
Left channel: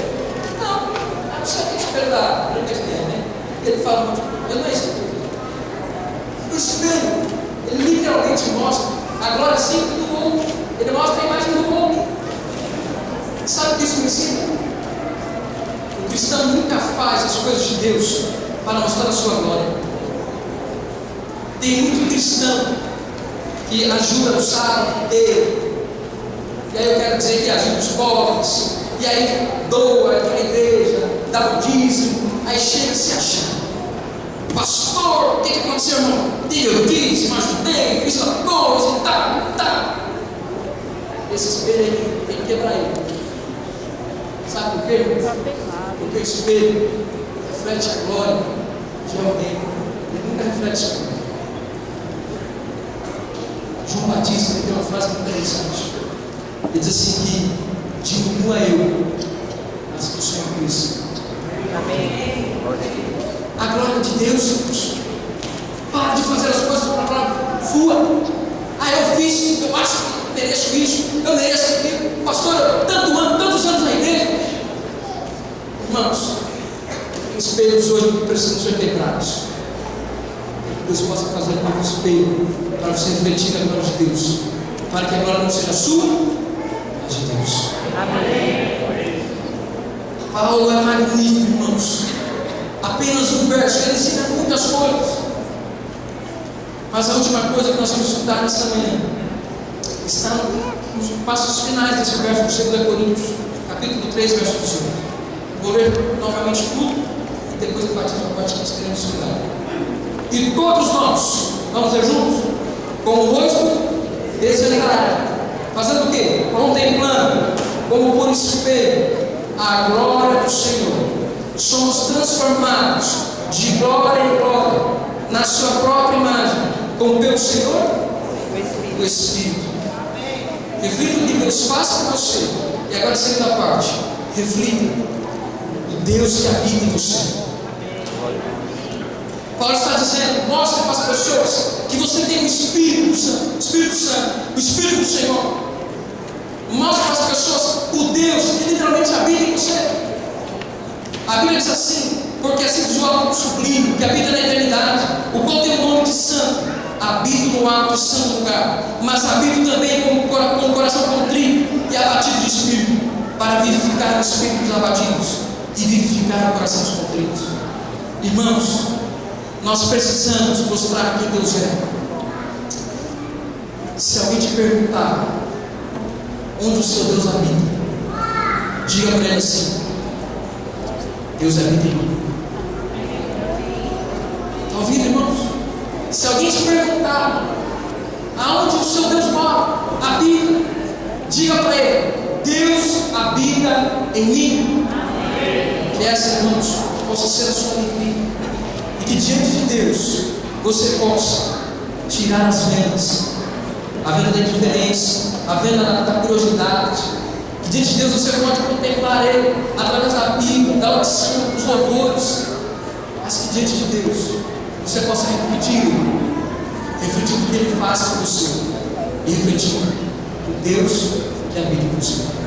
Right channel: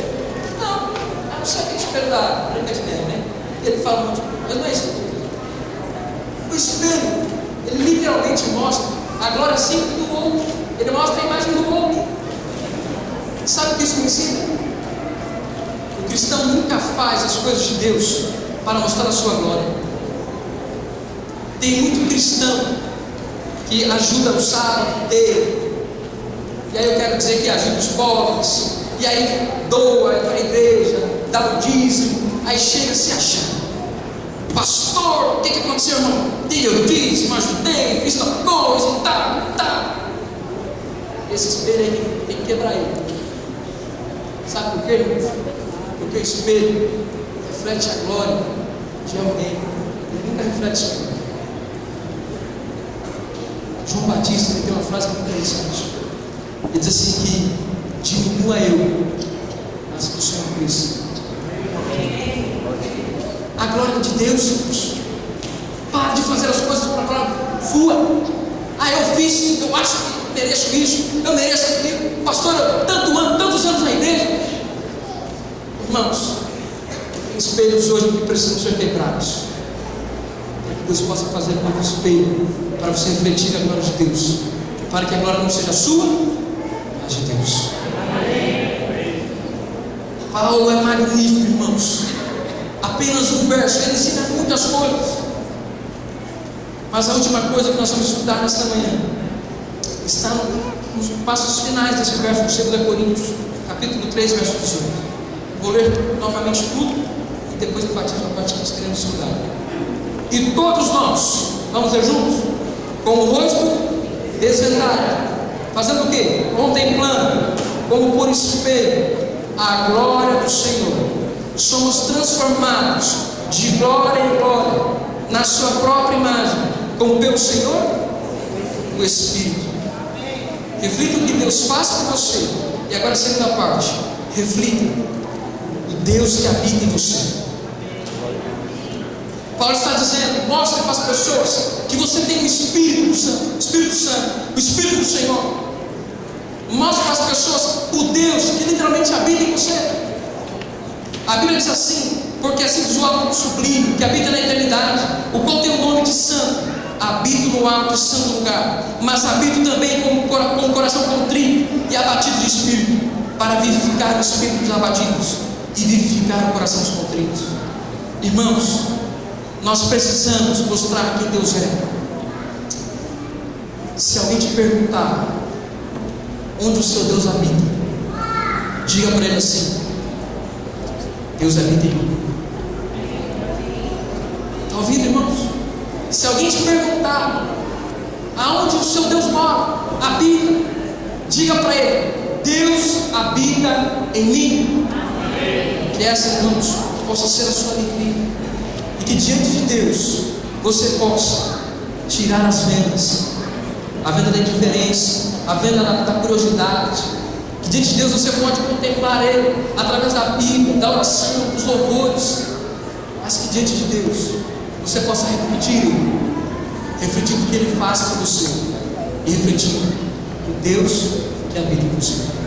Não, a não ser aquele espelho da presidente, né? Ele fala muito, mas não é isso que eu estou dizendo. O espelho, ele literalmente mostra a glória simples do outro. Ele mostra a imagem do homem. Sabe o que isso me ensina? O cristão nunca faz as coisas de Deus para mostrar a sua glória. Tem muito cristão que ajuda no sábado inteiro. E aí eu quero dizer que ajuda os pobres. E aí doa para a igreja, dá o dízimo. Aí chega se achando: pastor, o que aconteceu, irmão? Dei o dízimo, ajudei, fiz uma coisa e tal. Esse espelho aí tem que quebrar ele. Sabe por quê? Porque o espelho reflete a glória de alguém. Ele nunca reflete sua glória. João Batista, ele tem uma frase muito interessante. Ele diz assim que diminua eu, mas que o Senhor cresça. A glória de Deus, irmãos. Para de fazer as coisas para a glória sua. Eu fiz, eu acho que mereço isso, eu mereço aquilo. Pastor, tantos anos na igreja. Irmãos, tem espelhos hoje que precisam ser quebrados. Que Deus possa fazer um novo espelho para você refletir a glória de Deus, para que a glória não seja sua, mas de Deus. Amém. Paulo é magnífico, irmãos. Apenas um verso, ele ensina muitas coisas. Mas a última coisa que nós vamos estudar nesta manhã está nos passos finais desse verso de 2 Coríntios, capítulo 3, verso 18. Vou ler novamente tudo e depois do batismo nós queremos estudar. E todos nós, vamos ler juntos? Com o rosto desvendado, fazendo o quê? Contemplando, como por espelho, a glória do Senhor. Somos transformados de glória em glória, na sua própria imagem, como pelo Senhor, o Espírito. Reflita o que Deus faz por você. E agora a segunda parte: reflita o Deus que habita em você. Paulo está dizendo: mostre para as pessoas que você tem o Espírito Santo, o Espírito do Senhor. Mostre para as pessoas o Deus que literalmente habita em você. A Bíblia diz assim: porque assim diz o alto sublime, que habita na eternidade, o qual tem o nome de santo. Habito no alto e santo lugar, mas habito também com o coração contrito e abatido de espírito, para vivificar o espírito dos abatidos e vivificar o coração dos contritos. Irmãos, nós precisamos mostrar quem Deus é. Se alguém te perguntar onde o seu Deus habita, Diga para ele assim: Deus habita em mim. Está ouvindo, irmãos? Se alguém te perguntar aonde o seu Deus mora, habita, diga para ele: Deus habita em mim. Que essa, irmãos, possa ser a sua alegria, e que diante de Deus você possa tirar as vendas, a venda da indiferença, a venda da curiosidade. Que diante de Deus você pode contemplar Ele através da Bíblia, da oração, dos louvores, mas que diante de Deus você possa refletir o que Ele faz por você, e refletir o Deus que habita em você.